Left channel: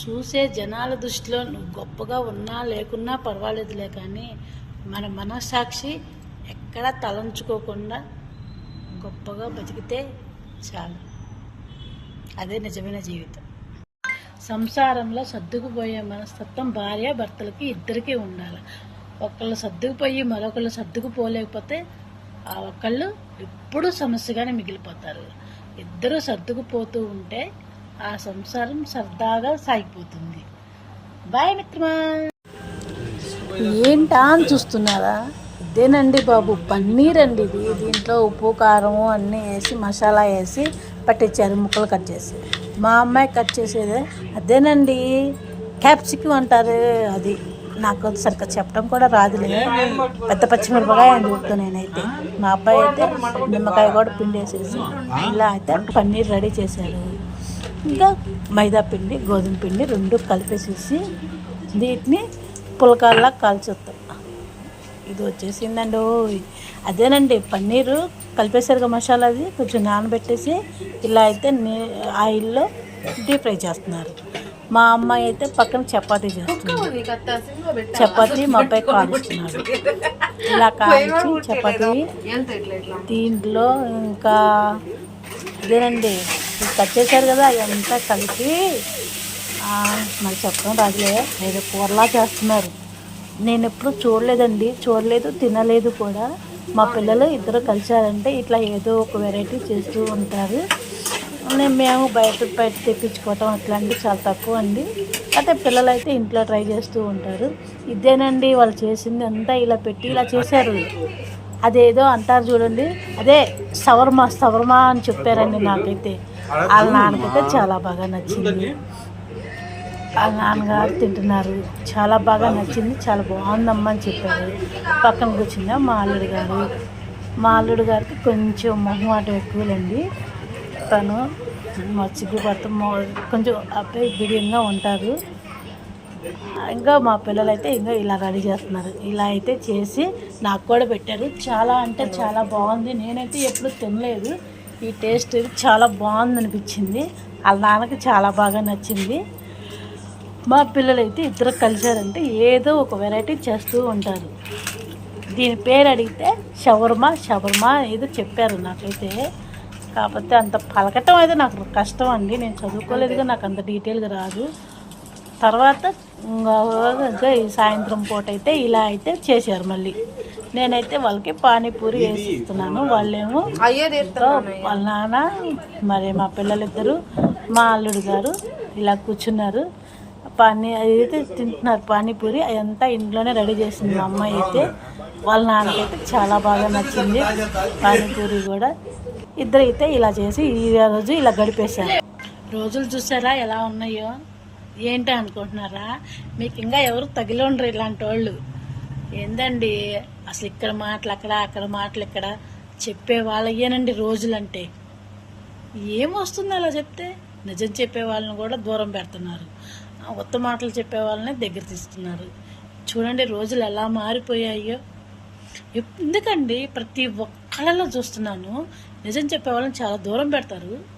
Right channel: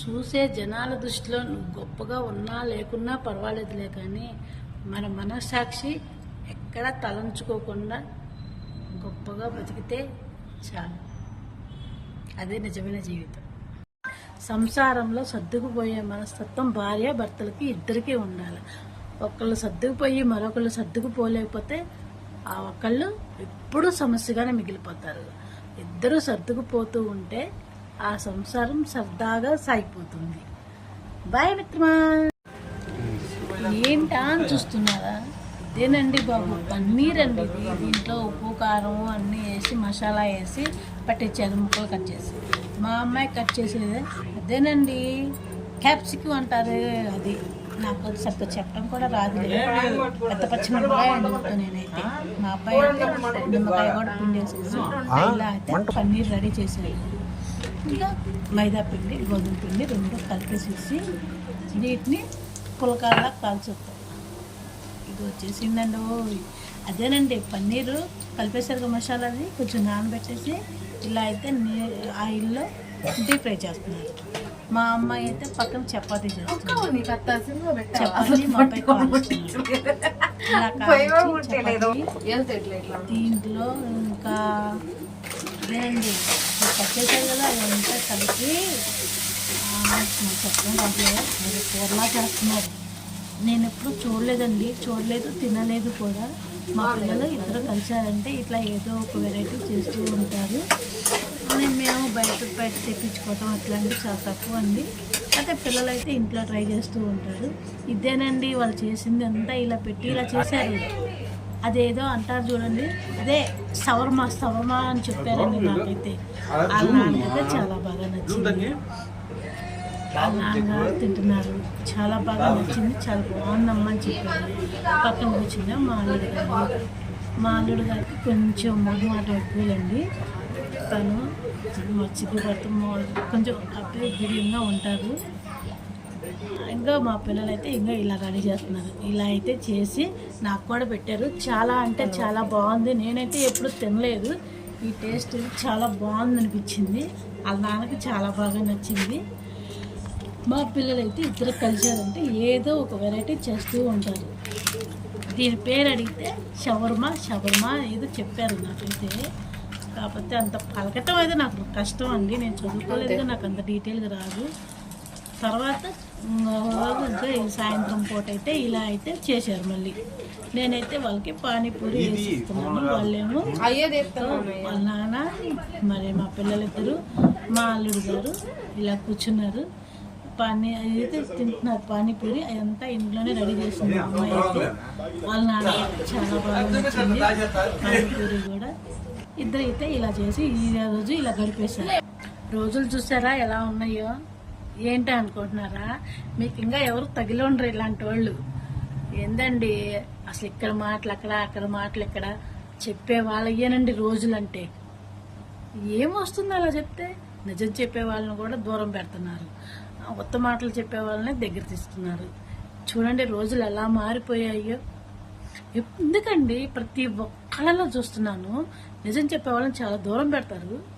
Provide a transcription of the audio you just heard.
చూసే జనాల దృష్టిలో నువ్వు గొప్పగా ఉన్నా లేకున్నా పర్వాలేదులే కానీ మన మనస్సాక్షి ఎక్కడా తలంచుకోకుండా గొప్పగా బతికితే చాలు. అదే నిజమైన జీవితం. సంసారంలో సర్దుకుపోయే మనస్తత్వం భార్య భర్తలకి ఇద్దరికీ ఉండాలి. ఒకళ్ళు సర్దుకుపోయి మరొకళ్ళు సర్దుకుపోలేకపోతే ఆ ఒకళ్ళు ఎప్పుడూ సమస్యగానే మిగిలిపోతారు. ఇద్దరు సర్దుకుపోతూ ఉంటే ఆ సంసారం సరదాగా సాగిపోతుంది. బాయ్ మిత్రమా ఏంటా అని చూస్తున్నారా? ఇదేనండి బాబు పన్నీర్ అండి ఇది. దీంట్లో ఉప్పు కారము అన్నీ వేసి మసాలా వేసి పట్టించారు ముక్కలు కట్ చేసి. మా అమ్మాయి కట్ చేసేది. అదేనండి క్యాప్సికం అంటారు అది. నాకు సరిగ్గా చెప్పడం కూడా రాదులే. పెద్ద పచ్చిమిరపకాయ అని చెప్తాను నేనైతే. మా అబ్బాయి అయితే నిమ్మకాయ కూడా పిండి వేసేసి ఇలా అయితే పన్నీర్ రెడీ చేశారు. ఇంకా మైదా పిండి గోధుమ పిండి రెండు కలిపేసేసి వీటిని పులకాల్లా కాల్చుతాం ఇది వచ్చేసిందండి అదేనండి పన్నీరు కలిపేసరిగా మసాలా అది కొంచెం నానబెట్టేసి ఇలా అయితే నే ఆయిల్లో డీప్ ఫ్రై చేస్తున్నారు. మా అమ్మాయి అయితే పక్కన చపాతీ చేస్తుంది. చపాతీ మా అబ్బాయి కాలుస్తున్నారు ఇలా కాల్చి చపాతీ దీంట్లో ఇంకా ఇదేనండి ఇది కట్ చేశారు కదా అదంతా కలిపి ఆ, మరి చెప్పడం రాదులే ఏదో కూరలా చేస్తున్నారు. నేను ఎప్పుడు చూడలేదండి చూడలేదు తినలేదు కూడా. మా పిల్లలు ఇద్దరు కలిశారంటే ఇట్లా ఏదో ఒక వెరైటీ చేస్తూ ఉంటారు. నేను మేము బయట బయట తెప్పించుకోవటం అట్లాంటివి చాలా తక్కువ అండి. అయితే పిల్లలు అయితే ఇంట్లో ట్రై చేస్తూ ఉంటారు. ఇదేనండి వాళ్ళు చేసింది అంతా ఇలా పెట్టి ఇలా చేశారు. అదేదో అంటారు చూడండి. అదే సవర్మా సవర్మా అని చెప్పారండి నాకైతే. వాళ్ళ నాన్నకైతే చాలా బాగా నచ్చింది. వాళ్ళ నాన్నగారు తింటున్నారు. చాలా బాగా నచ్చింది. చాలా బాగుందమ్మా అని చెప్పారు. పక్కన కూర్చుందా మా అల్లుడు గారు. మా అల్లుడు గారికి కొంచెం మొహమాటం ఎక్కువలండి. తను మచ్చికి పడతాం కొంచెం అబ్బాయి బిడియంగా ఉంటారు. ఇంకా మా పిల్లలు అయితే ఇంకా ఇలా రెడీ చేస్తున్నారు. ఇలా అయితే చేసి నాకు కూడా పెట్టారు. చాలా అంటే చాలా బాగుంది. నేనైతే ఎప్పుడు తినలేదు. ఈ టేస్ట్ చాలా బాగుంది అనిపించింది వాళ్ళ నాన్నకి చాలా బాగా నచ్చింది. మా పిల్లలైతే ఇద్దరు కలిశారంటే ఏదో ఒక వెరైటీ చేస్తూ ఉంటారు. దీని పేరు అడిగితే షవర్మా షవర్మా ఏదో చెప్పారు నాకైతే. కాకపోతే అంత పలకటం అయితే నాకు కష్టం అండి. నేను చదువుకోలేదుగా నాకు అంత డీటెయిల్గా రాదు. తర్వాత ఇంకా సాయంత్రం పూట అయితే ఇలా అయితే చేశారు మళ్ళీ. నేనైతే వాళ్ళకి పానీపూరి వేసి ఇస్తున్నాను వాళ్ళేమో వాళ్ళ నాన్న మరి మా పిల్లలిద్దరు మా అల్లుడు గారు ఇలా కూర్చున్నారు. పానీ అయితే తింటున్నారు పానీపూరి అదంతా ఇంట్లోనే రెడీ చేసింది మా అమ్మాయి అయితే. వాళ్ళ నాన్నకైతే చాలా బాగా నచ్చింది పానీపూరి కూడా. ఇద్దరు అయితే ఇలా చేసి ఈ రోజు ఇలా గడిపేశారు. రోజులు చూసారా ఎలా ఉన్నాయో? ఏంటి అనుకుంటున్నారా? మీకు ఇంకా ఎవరు తగిలి ఉండరు ఇలాంటి వాళ్ళు ఏందండి? అసలు ఇక్కడ మాటలు అక్కడ అక్కడ మాటలు ఇక్కడ చెప్పే వాళ్ళయ్యేనండి రోజులంటే. ఏమొస్తుంది అలా చెప్తే? నిజం చెప్పే వాళ్ళని కూడా దూరం పెడుతున్నారు. ఆ ఉత్త మాటలు చెప్పే వాళ్ళని దగ్గర తీస్తున్నారు. చూడండి రోజులు ఎలా మారిపోయాయో. ఎందుకండి ప్రతి ఒక్కళ్ళలో చూస్తున్నాను నిజం చెప్పే వాళ్ళని చాలా దూరం పెడతారు.